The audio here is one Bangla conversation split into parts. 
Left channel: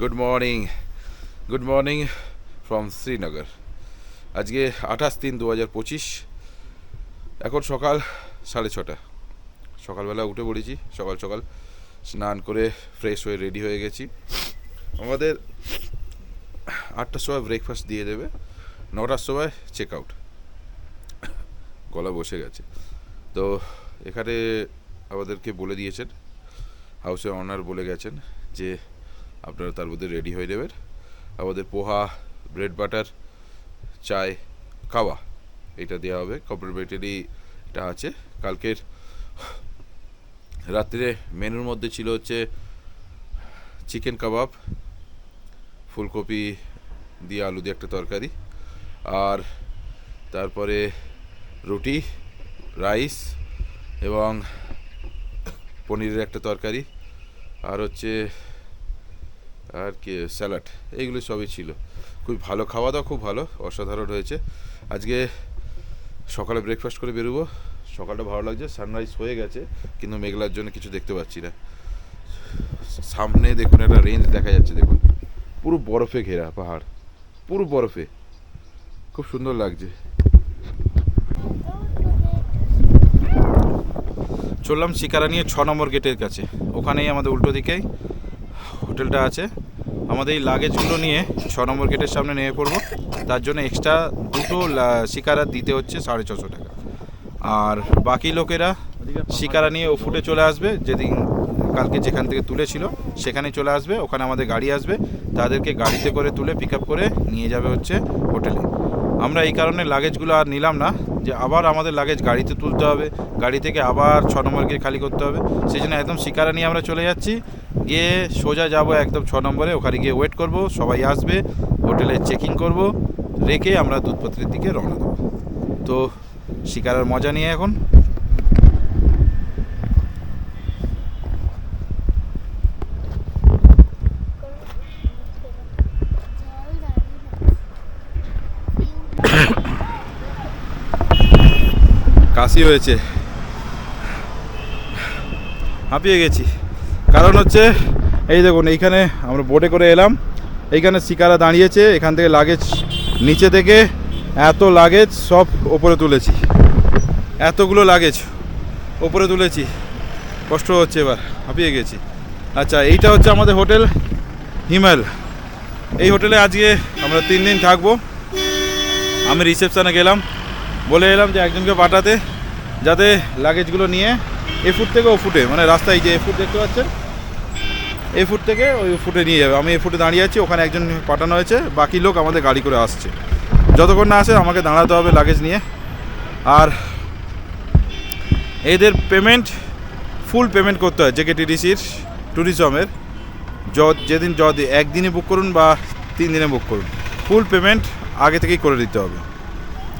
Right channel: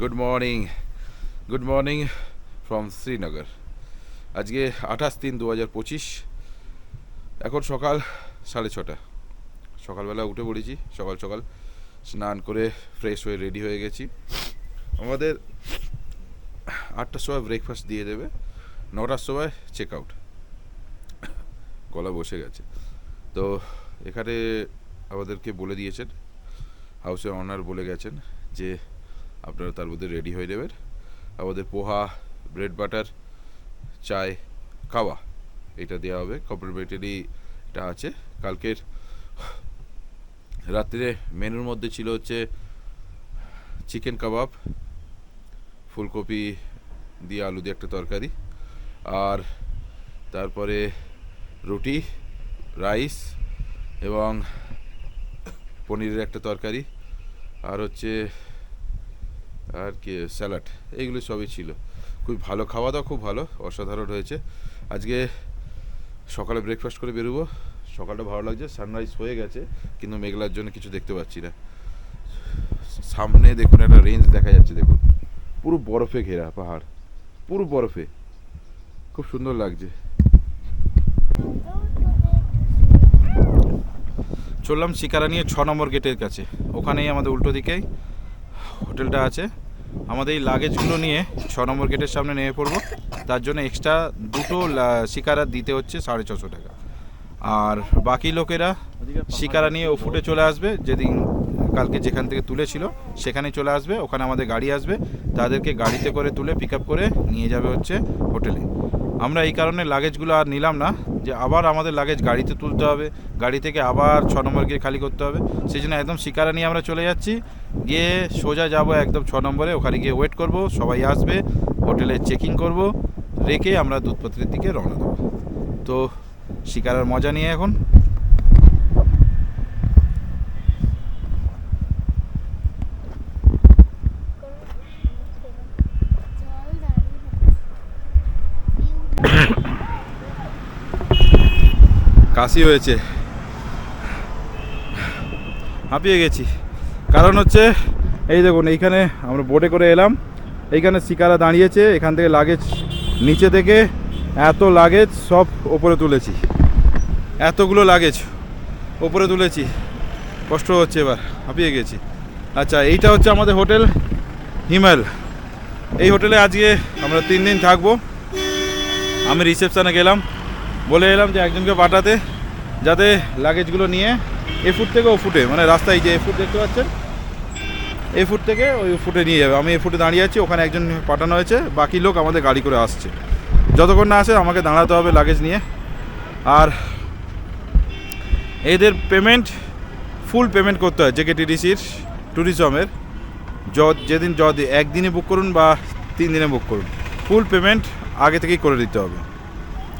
Good morning from Srinagar. আজকে 28/3/2025। এখন সকাল 6:30। সকালবেলা উঠে পড়েছি, সকাল সকাল স্নান করে ফ্রেশ হয়ে রেডি হয়ে গেছি। আমাদের 8টার সময় ব্রেকফাস্ট দিয়ে দেবে, 9টার সময় চেক আউট। গলা বসে গেছে তো এখানে আমাদেরকে বলে দিয়েছেন, হাউসের অনার বলে গেছেন যে আপনারা তার মধ্যে রেডি হয়ে নেবেন। আমাদের পোহা, ব্রেড বাটার, চায়, কাওয়া এটা দেওয়া হবে, কমপ্লিমেন্টারি এটা আছে। কালকের রাত্রে মেনুর মধ্যে ছিল হচ্ছে চিকেন কাবাব, ফুলকপি দিয়ে আলু দিয়ে একটা তরকারি, আর তারপরে রুটি, রাইস এবং পনিরের একটা তরকারি, আর হচ্ছে আর কি স্যালাড, এইগুলো সবই ছিল। খুব ভালো খাওয়া দাওয়া, খুব ভালো, অসাধারণ হয়েছে। আজকে সকালে ব্রেকফাস্ট করে বেরোবো। সকালটা ভালো লাগছে, সানরাইজ হয়ে গেছে কিন্তু মেঘলার জন্য কিছু দেখতে পাচ্ছি না। সামনে দেখুন একটা রেঞ্জ দেখা যাচ্ছে, দেখুন পুরো বরফে ঘেরা পাহাড়, পুরো বরফে, খুব সুন্দর লাগছে। চললাম শিকারা নিয়ে 6 নম্বর গেটের কাছে, ওখানেই আমাদের উল্টো দিকেই হোটেলটা আছে। আমাদের এই লাগেজগুলো নিয়ে 6 নম্বর গেটের সামনে নেমে পড়বো। তার জন্য এক্সট্রা দুটো শিকারা দিতে হচ্ছে 650 টাকা। আর বাকি লোকেরা শিকারা নিয়ে ও ফুটে চলে আসবে, যেদিন কালকে যেখান থেকে তুলেছিল সেখানে চলে আসবে। ওখানে আমাদের গাড়ি আসবে, তাদেরকে গাড়িতে করে তুলে পিক আপ করে নিয়ে যাবে হচ্ছে হোটেলে। আমরা এই কারণে লাগেজগুলো আর নিলাম না, যে আবার আমাদের লাগেজ গাড়িতে তুলতে হবে, গাড়ি থেকে আবার 6 নম্বর গেট খালি করতে হবে। সেই জন্য একদম শিকারা নিয়ে আমরা চলে যাচ্ছি, গিয়ে সোজা যাব একদম 6 নম্বরে। ওখানে গিয়ে ওয়েট করব, সবাই আসবে, হোটেলে চেকিং করব, রেখে আমরা দুধপত্রের দিকে রওনা দেবো। তো শিকারার মজা নিয়ে এখন কাশি হয়েছে, হাঁপিয়ে গেছি। কারণ হচ্ছে এই দেখুন, এইখানে আমরা বোটে করে এলাম, এইখানে শিকারা দাঁড়িয়েছে, এখান থেকে লাগেজ, নিচে থেকে এত লাগেজ সব ওপরে তুলেছি, এতগুলো লাগেজ ওপরে তুলেছি, কষ্ট হচ্ছে, এবার হাঁপিয়ে গেছি। আচ্ছা, এইটা হচ্ছে আমাদের হোটেল হিমাল। এই হোটেলে আজকে আমরা 3 দিন থাকবো। আমি রিসেপশানে গেলাম, বলে এলাম যে একজনকে পাঠাতে, যাতে লাগেজগুলো নিয়ে এ ফুট থেকে ও ফুটে, মানে রাস্তায় যে এ ফুট দেখতে পাচ্ছেন, এই ফুট থেকে ওই ফুটে নিয়ে যাবে। আমি এই ফুটে দাঁড়িয়ে আছি, ওখানে একজন পাঠানো হয়েছে, বাকি লোক আমাদের গাড়ি করে আসছে। যতক্ষণ না আসে আমাকে দাঁড়াতে হবে লাগেজ নিয়ে। আর এদের পেমেন্ট, ফুল পেমেন্ট করতে হয় জেকেটিডিসির ট্যুরিজমের। যেদিন একদিনে বুক করুন বা 3 দিনে বুক করুন, ফুল পেমেন্ট আগে থেকেই করে দিতে হবে।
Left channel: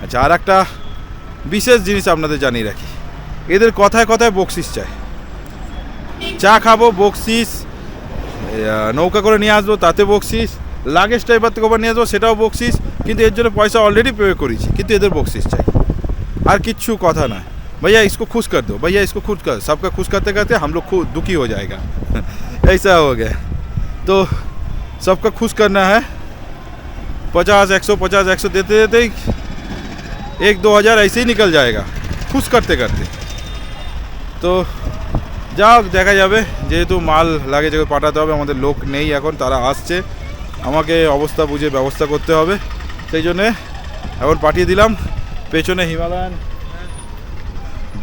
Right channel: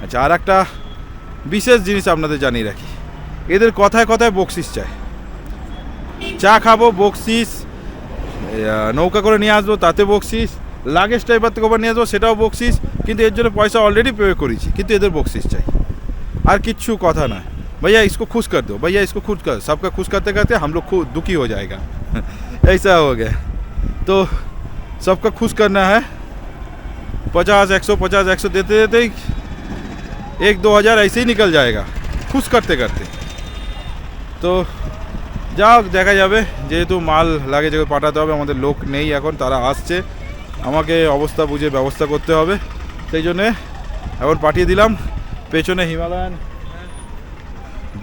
আচ্ছা, আর একটা বিশেষ জিনিস আপনাদের জানিয়ে রাখি, এদের কথায় কথায় বকশিস চায়। চা খাবো বকশিস, নৌকা করে নিয়ে আসবো তাতে বকশিস, লাগেজ টাইপার থেকে নিয়ে আসবো সেটাও বকশিস, কিন্তু এর জন্য পয়সা অলরেডি পে করেছি, কিন্তু এদের বকশিস চাই। আর কিচ্ছু কথা না, भैया इसको खुश कर दो, भैया इसको खुश कर, सबका खुश करते करते हम लोग खुद दुखी हो जाएगा। ऐसा हो गया, तो सबका खुश करना है। 50-100 देते देते 1-2 हज़ार ऐसे ही निकल जाएगा खुश करते करते। তো যাও, দেখা যাবে। যেহেতু মাল লাগে যে পাঠাতে হবে, আমাদের লোক নেই এখন, তারা আসছে, আমাকে অবস্থা বুঝে ব্যবস্থা করতে হবে। সেই জন্যে এখন পাঠিয়ে দিলাম। পেছনে হিমালয়ান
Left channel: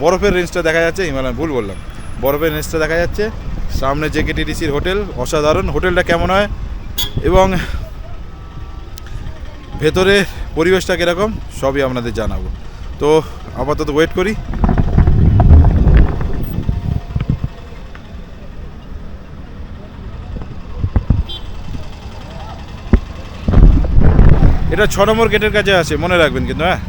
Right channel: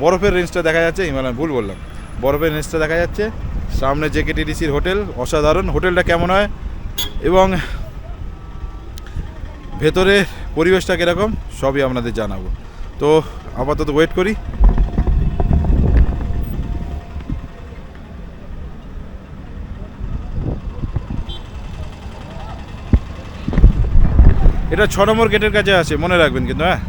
বরফের রেঞ্জটা দেখা যাচ্ছে, হিমালয়ান ভুল বললাম, বরফের রেঞ্জটা দেখা যাচ্ছে। সামনে জেকেটিডিসির হোটেল, অসাধারণ। হোটেলটা কেমন হয় এবং ভেতরে পরিবেশটা কীরকম সবই আপনাদের জানাবো। তো আপাতত ওয়েট করি। এটা 6 নম্বর গেটের কাছে আছে, মনে রাখবেন কিন্তু। হ্যাঁ,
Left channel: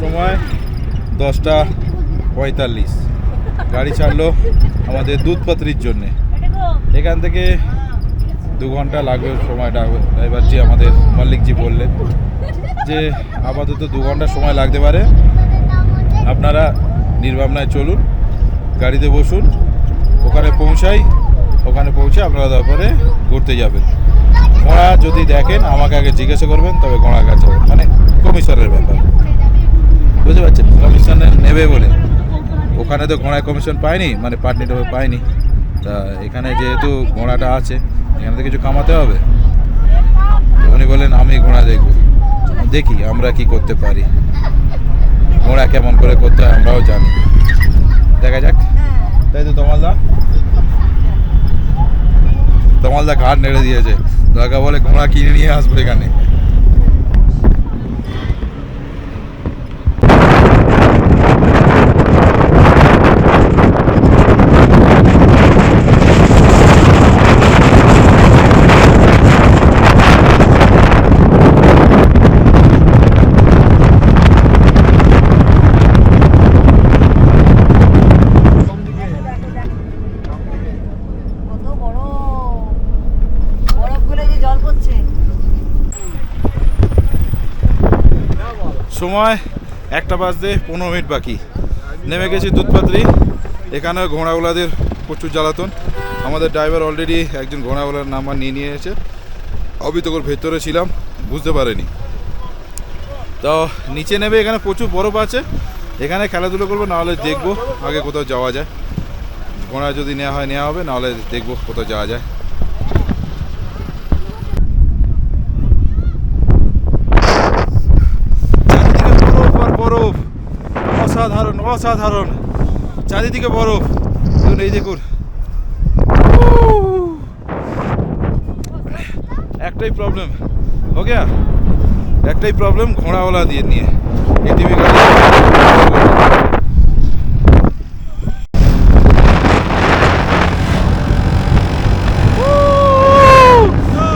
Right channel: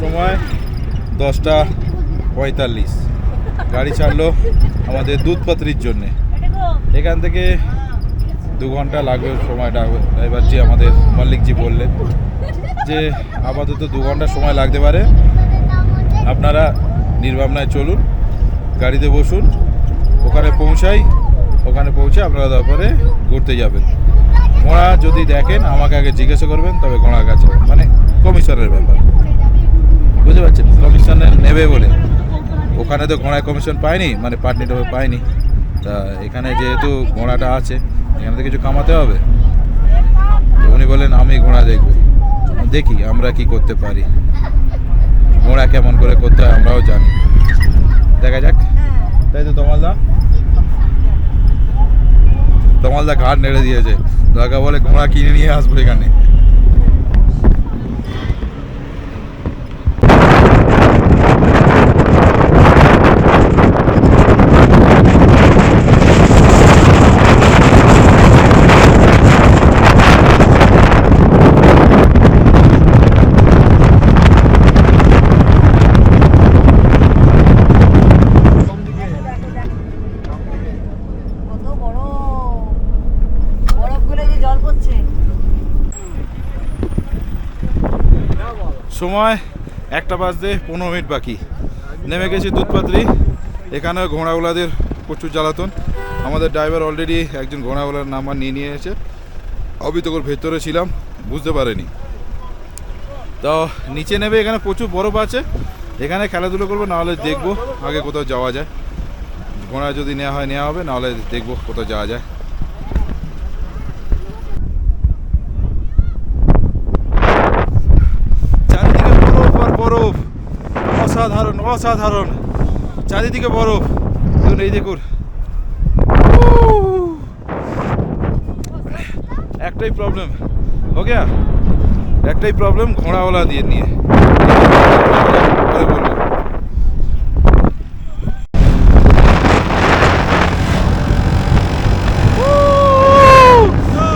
সময় 10:45, গাড়ি ছাড়লো আমাদের দুধপাত্রির জন্যে। এখান থেকে 2 ঘন্টা লাগবে সময়টা। ড্রাইভারজি আমাদের মালিকজি বললেন যে আপাতত 2 ঘন্টা সময় লাগতে পারে, আপনারা নির্ভাবনায় চলুন, গাড়িতে বসুন, ওখানে পৌঁছাই, ওখানে পৌঁছে আপনারা তারপরে ঘুরতে যাবেন। ঘোড়া যদি দেখেন আমাকে আগে জিজ্ঞাসা করবেন, তবে ঘোড়া কাছে মানে কমিশনের ব্যাপার, বুঝতে পারছেন? কমিশনে নেবে বলে, ওখানে তো ঘোড়ায় কমিশন পায়নি, মানে পার্টনিটা পায়নি। তা এখানে যেহেতু ঘোড়াটা আছে, এখানে তো কিছু কামাতে হবে। উনি বলেন আমি ঘোড়া দেখবো, দেখি আমরা কি করতে পারি, ঘোড়া কেমন করে করতে হয় আমরাও জানি, দেখা যাক। তাই তো তমালদা ঘাট নেড়ে দিয়েছে, দাদা বলে ঘোড়া কিনে নিয়ে আসবো এখানে। সময় 1টা বাজতে 15 মিনিট বাকি। নেমে গেছি দুধপাত্রি। এখানে ঘোড়াওয়ালাদের প্রচুর জ্বালাতন। আমাদের ড্রাইভার অলরেডি একজন ঘোড়াওয়ালার নাম্বার নিয়ে নিয়েছে। আমি তখন ভেতরে ছিলাম, বুঝতে পারিনি। তো নিচে নেবে, এখানে প্রচুর বরফ আছে, এখানে খেলাধুলো করবো, নাহলে দেখবো আগে কোথাও যাওয়া যায়। ঘোড়া যদি নেওয়া হয় নেওয়া হবে, নাহলে দেখবো কোথাও যাওয়া যায়। বরফ, অসাধারণ অসাধারণ, চারিদিকে বরফ। দেখুন, এই দেখুন, একটাই প্রবলেম, ওকে, একটাই প্রবলেম ঘোড়াওয়ালা দিয়ে নিয়ে।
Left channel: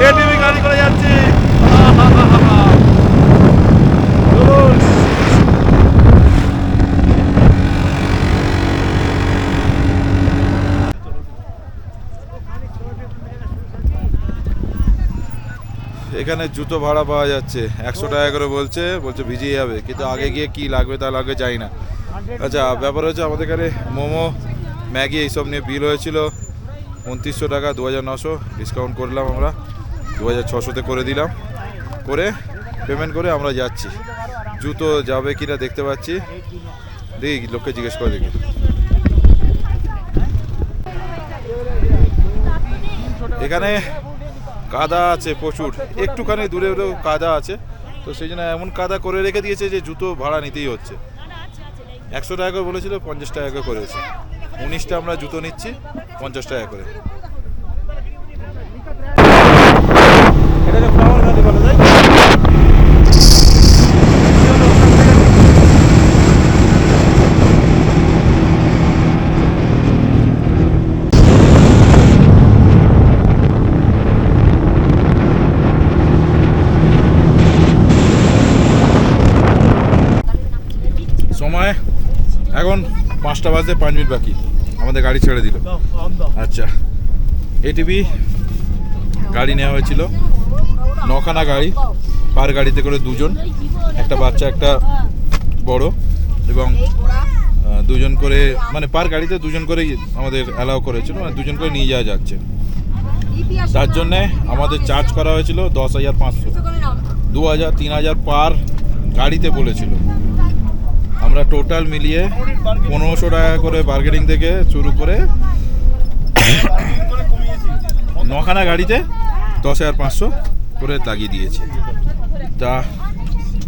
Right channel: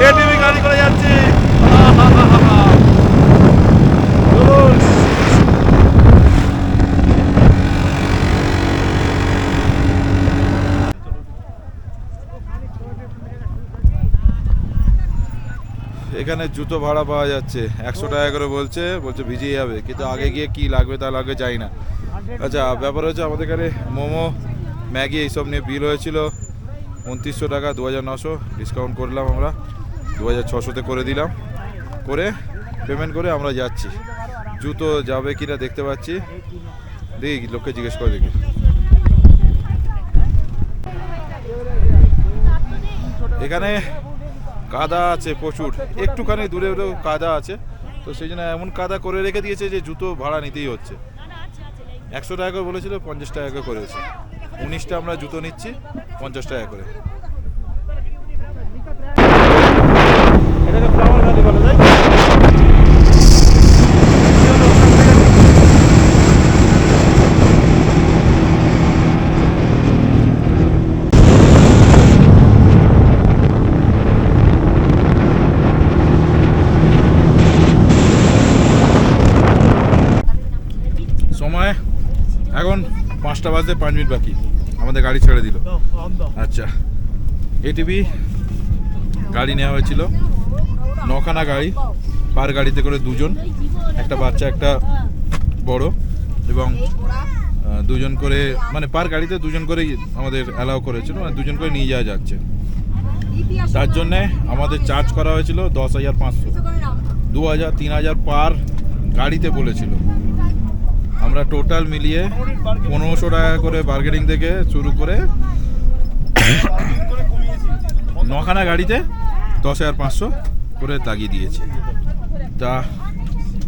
এটিভি গাড়ি করে যাচ্ছে, এখানে জুতো ভাড়া পাওয়া যাচ্ছে 100 টাকা করে, বলছে ভিজিয়ে যাবে, কিন্তু আগে গিয়ে কি লাগবে তা লাগবে যাই না। আচ্ছা, ব্যাপার হচ্ছে আমাদের এখানে মোমো, ম্যাগি এইসব নিয়ে বিল হয়েছিল 2900 টাকা, 2900 ডিসকাউন্ট করলাম আমরা, 2600-তে করে দিলাম। করে পেমেন্ট করে আমরা যাচ্ছি। জুতো যাবে কিনা দেখতে পাচ্ছি, দেখি লোককে জিজ্ঞেস করে দেখি। এখানে কাদা আছে প্রচুর, একটুখানি দূরে দূরেও কাদা আছে, তো সেই জন্য এমন কাদা করে রেখে দিয়েছে যে জুতো ভাড়া নিতেই হচ্ছে। 100 টাকা করে বলেছিল, 50 টাকা করে করেছে। 19টা আমরা জুতো নিচ্ছি 50 টাকা করে। এটাকে ফ্লাওয়ার ভ্যালি বলা যায়। সময় এখন 5টা বাজতে 5 মিনিট বাকি, আমাদের গাড়ি ছেড়ে দিল। আচ্ছা, এটিভি গাড়ি নেওয়া হয়েছিল, 9খানা গাড়ি, পার গাড়িতে করে 2জন, একটা বাচ্চা একটা বড়, এবং 2জন করে, মানে পার গাড়িতে 2জন করে আমাদের অ্যালাউ করেছিল, মানে 2জন করে নিয়ে যাওয়া যাচ্ছে। তার জন্যে আমাদের চার্জ করা হয়েছিল 10,500, 2,000 3,000 পার গাড়িতে বলেছিল। আমরা টোটাল মিলিয়ে 1500 টাকা করে বার্গেনিং থেকে শুরু করে 9খানা গাড়িতে 10,500 করে লাগিয়ে দিয়েছি। তা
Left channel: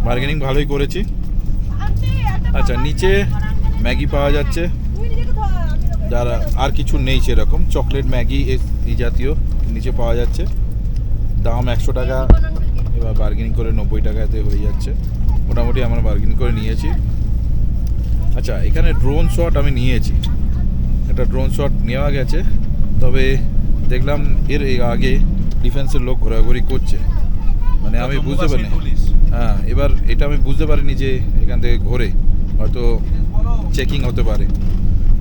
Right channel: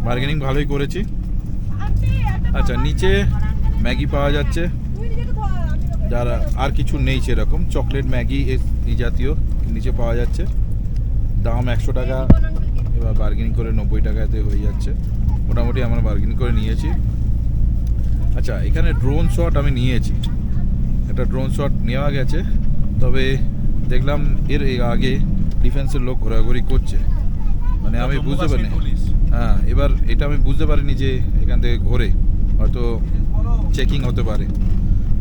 বার্গেনিং ভালোই করেছি। আচ্ছা, নিচে ম্যাগি পাওয়া যাচ্ছে, যারা আর কিছু নেই সেরকম, চকলেট ম্যাগি এই জাতীয় নিচে পাওয়া যাচ্ছে। দাম 100 টাকা, এবার বার্গেনিং করে 90 টাকাতে হয়ে যাচ্ছে। মোটামুটি আমরা বার্গেনিং করে নিয়েছি। আচ্ছা, এখানে ড্রোন শট আমি নিয়েছি, একটা ড্রোন শট নেওয়া গেছে, তবে দেখলাম এর আগে ডিফেন্সের লোক ঘোরাঘুরি করছে, মানে আমি বুঝতে পারিনি। হ্যাঁ, এবার এটা আমি বুঝতে পারিনি যে এখান থেকে ঘোরে, হয়তো চেকিং হতে পারে,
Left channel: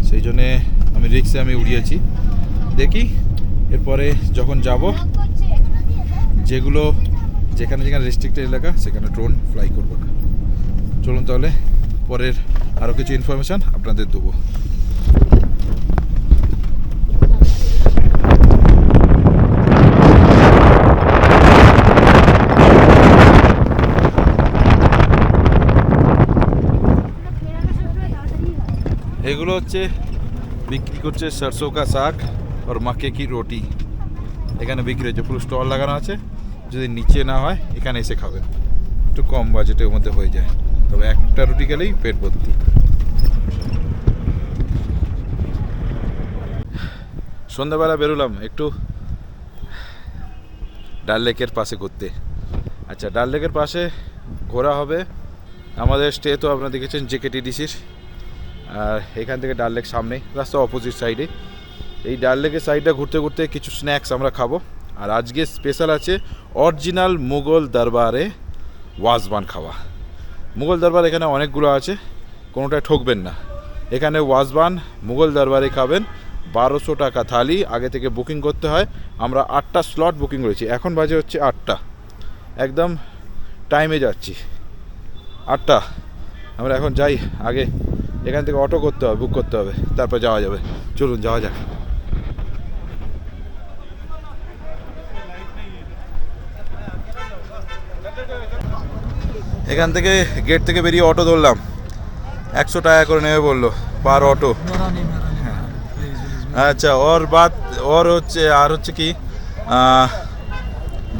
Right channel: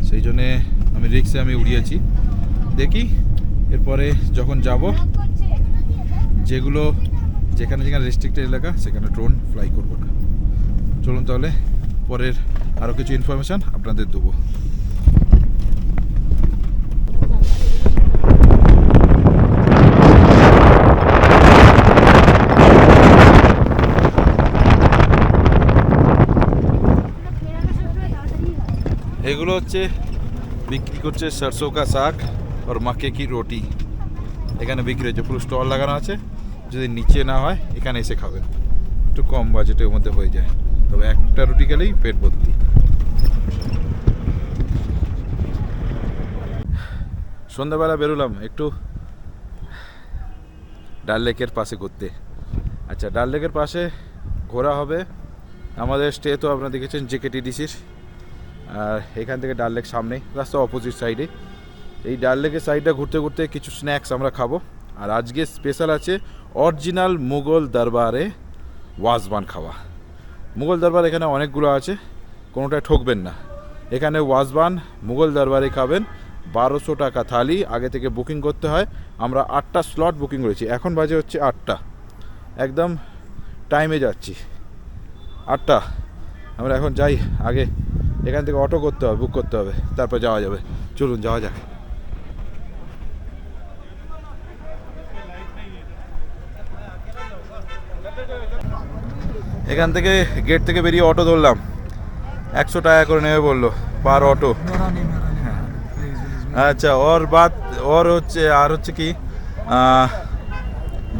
সেই জন্যে আমি রিক্সে উড়িয়েছি। দেখি এরপরে যখন যাব, যেখানে রেস্ট্রিক্টেড এলাকা সেখানে ড্রোন ফ্লাই করবো না। চলুন তাহলে পরের আরও কিছু ইনফরমেশান আপনাদের দেবো। এগুলো হচ্ছে বিক্রি করছে সরসো কা শাক আর মাকে কি রুটি। এখানে বিক্রি হচ্ছে, পুরো স্টল লাগানো আছে। যদি নিচে না হয় এখানে এসে খাবেন, একটু কম বাজেটের মধ্যে হয়ে যায়। তবে একটা রুটি গেলেই পেট ভর্তি। সন্ধ্যাবেলা বেরোলাম একটু ডাল লেকের পাশে ঘুরতে। আচ্ছা, ডাল লেকের পাশে ঘোরা হবে। আমাদের স্টে তো আপনারা দেখেছেন জেকেটিডিসির, আর এখান থেকে ডাল লেক সামনেই, রাস্তা অপোজিট সাইডে। এই ডাল লেকের সাইডটা ঘুরতে ঘুরতে কিছু স্ন্যাক্স আমরা খাবো। আর আজকে স্পেশাল আছে অরিজিনাল মুঘল দরবারে ওয়াজবান খাওয়া। মুঘল দরবার এখানে অনেকগুলো আছে, কোনোটায় ঠকবেন না। এখানে ওয়াজবান মুঘল দরবারে খাবেন। 1200 টাকা থালি, আগে থেকে বুকিং করতে হয়। আমরা 8টা স্লট বুকিং করেছি, এখন বাজে হচ্ছে 8টা, একদম টাইমে যাচ্ছি 8টা। আমরা এখন যাই, আগে এখান থেকে অটো করতে হবে, বুক করতে হবে, তারপর যাওয়া যাবে। চলুন যাওয়া যাক। এখান থেকে গেট থেকে বেরিয়ে অটো ধরলাম, 100 টাকা করে নেবে বললো পার অটো। আচ্ছা, ওর হচ্ছে আর হচ্ছে কি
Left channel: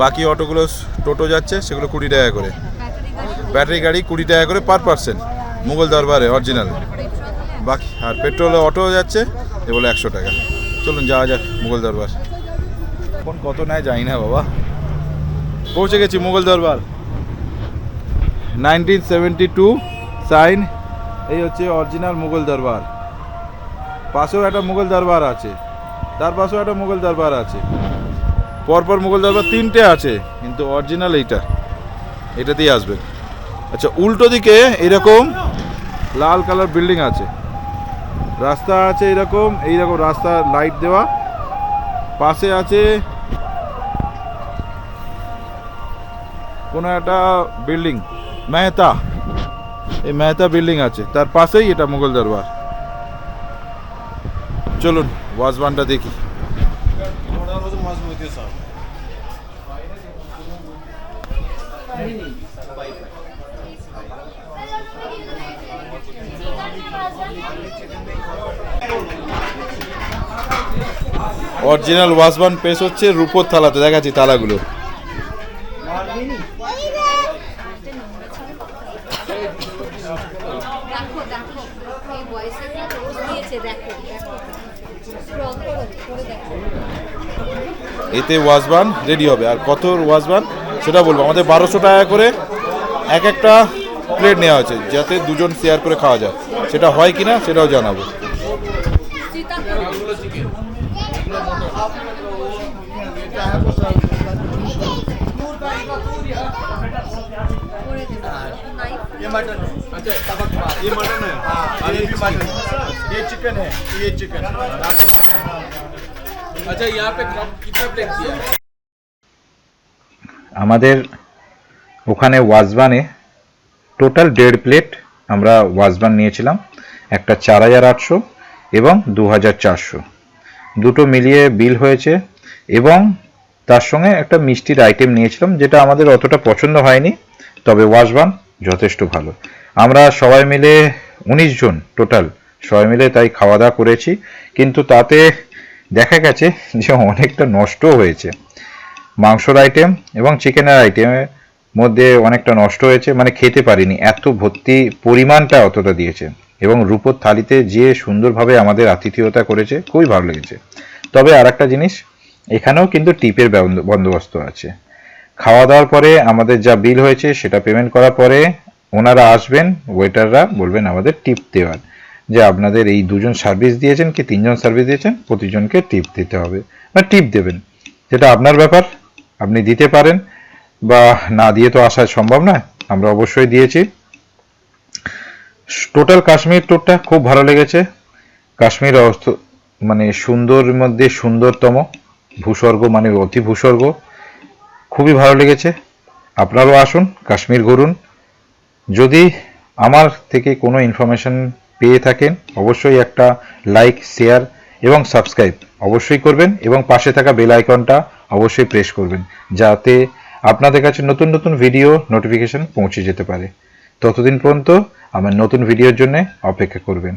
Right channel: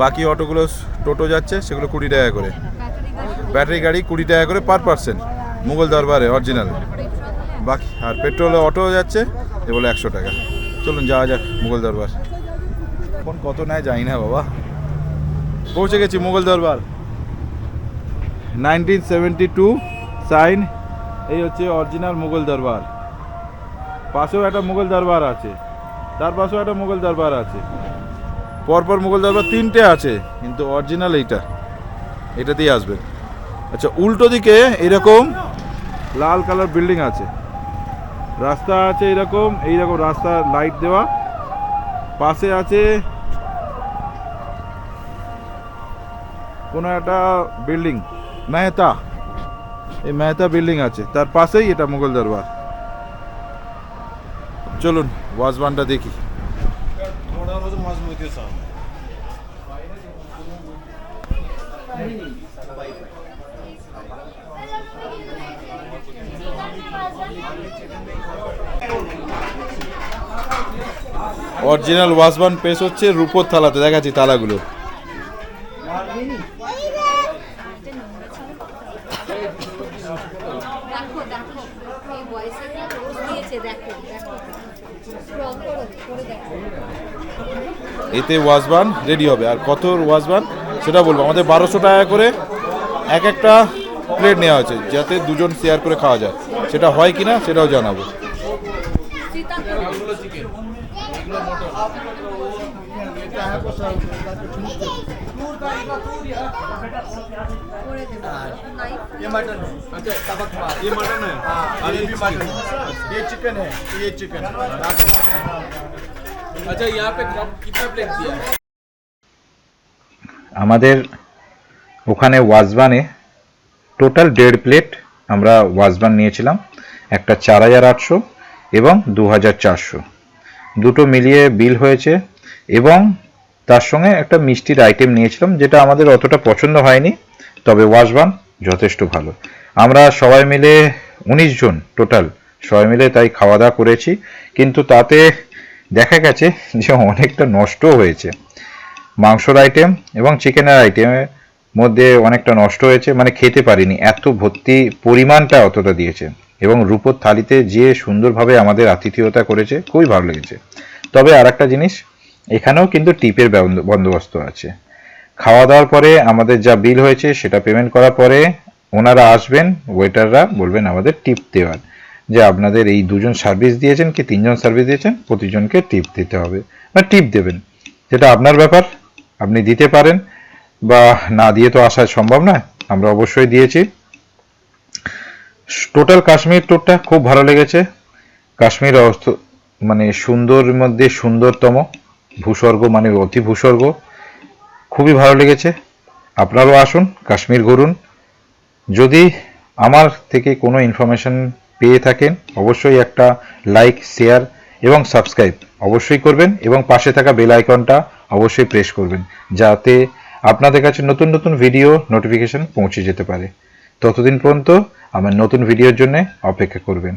বাকি অটোগুলো টোটো যাচ্ছে, সেগুলো 20 টাকা করে। ব্যাটারি গাড়ি 20 টাকা করে পার পার্সন মুঘল দরবারে অরিজিনাল। বাকি আর পেট্রোল অটো যাচ্ছে, এ বলে 100 টাকা। চলুন যাওয়া যাক মুঘল দরবার। এখন কত নেয় জানি না বাবা। পৌঁছে গেছি মুঘল দরবার। 1972 সাইন। এই হচ্ছে অরিজিনাল মুঘল দরবার। পাশেও একটা মুঘল দরবার আছে, তার পাশেও একটা মুঘল দরবার আছে, পরপর মুঘল দরবার 3টে আছে, কিন্তু অরিজিনাল এটাতেই আসবেন। আচ্ছা, উল্টো দিকে এরকম লাল কালার বিল্ডিং আছে, রাস্তা আছে এইরকম রাস্তা লাইট দেওয়া। পাশে আছে কোনো একটা বিল্ডিং, মেহতা, এই মেহতা বিল্ডিং আছে, তার পাশেই এটা মুঘল দরবার। চলুন ওয়াজবানটা দেখি। অরিজিনাল ওয়াজবান পেশ হচ্ছে রূপোর থালাতে, দেখাচ্ছি থালাগুলো। এতে ওয়াজবান রেডি হবে। আর কত ওয়াজবান সেটা বলবো। আমাদের 1200 টাকা করে এক একটা প্লেট নেওয়া হয়েছে, যাতে দুজন শেয়ার করে খাওয়া যায়। সেটা হয় কিনা সেটাও জানাবো। ये मटन है। अच्छा, ये मटन है और ये भी मटन है। ये चिकन है, ये चिकन। अच्छा, यहाँ पे कितना प्लेट दिया है? আমাদের ওখানে ওয়াজবানে টোটাল 1.5 প্লেট আমরা ওয়াজবান নিয়েছিলাম। একটা 4800 এবং 2400, দুটো মিলিয়ে বিল হয়েছে। এবং তার সঙ্গে একটা মিষ্টির আইটেম নিয়েছিলাম, যেটা আমাদের অতটা পছন্দ হয়নি, তবে ওয়াজবান যথেষ্ট ভালো। আমরা সবাই মিলে 19 জন টোটাল, সবাই মিলে তাই খাওয়া দাওয়া করেছি। কিন্তু তাতে দেখা গেছে যে অনেকটা নষ্ট হয়েছে। মাংসর আইটেম এবং চিকেনের আইটেমের মধ্যে অনেকটা নষ্ট হয়েছে, মানে খেতে পারিনি, এত ভর্তি পরিমাণটা অতটা দিয়েছে। এবং রূপোর থালিতে যে সুন্দরভাবে আমাদের আতিথেয়তা করেছে, খুবই ভালো লেগেছে। তবে আর একটা জিনিস, এখানেও কিন্তু টিপের বন্দোবস্ত আছে। খাওয়া দাওয়ার পরে আমাদের যা বিল হয়েছে সেটা পেমেন্ট করার পরে ওনারা আসবেন, ওয়েটাররা বলবেন আমাদের টিপ দেওয়ার, যে আপনাদের এই 2 জন সার্ভিস দিয়েছেন কি 3 জন সার্ভিস দিয়েছেন, প্রতিজনকে টিপ দিতে হবে, বা টিপ দেবেন। যেটা আপনার ব্যাপার, আপনি দিতে পারেন বা না দিয়ে তো আসা সম্ভব নয়, আমরা অবশ্যই দিয়েছি। টোটাল কাশ্মীর ট্যুরটা খুব ভালো লেগেছে। কাশ্মীর মানে সুন্দর মধ্যে সুন্দরতম ভূস্বর্গ, মানে অতি ভূস্বর্গ, খুবই ভালো লেগেছে। আপনারাও আসুন, কাশ্মীর ঘুরুন। যদি আমার থেকে কোনো ইনফরমেশন পেয়ে থাকেন, অবশ্যই একটা লাইক, শেয়ার এবং সাবস্ক্রাইব অবশ্যই করবেন, এবং পাশে থাকা বেল আইকনটা অবশ্যই প্রেস করবেন, যাতে আপনাদের কাছে নতুন নতুন ভিডিও নোটিফিকেশন পৌঁছে যেতে পারে। ততদিন পর্যন্ত আমার নতুন ভিডিওর জন্য অপেক্ষা করবেন।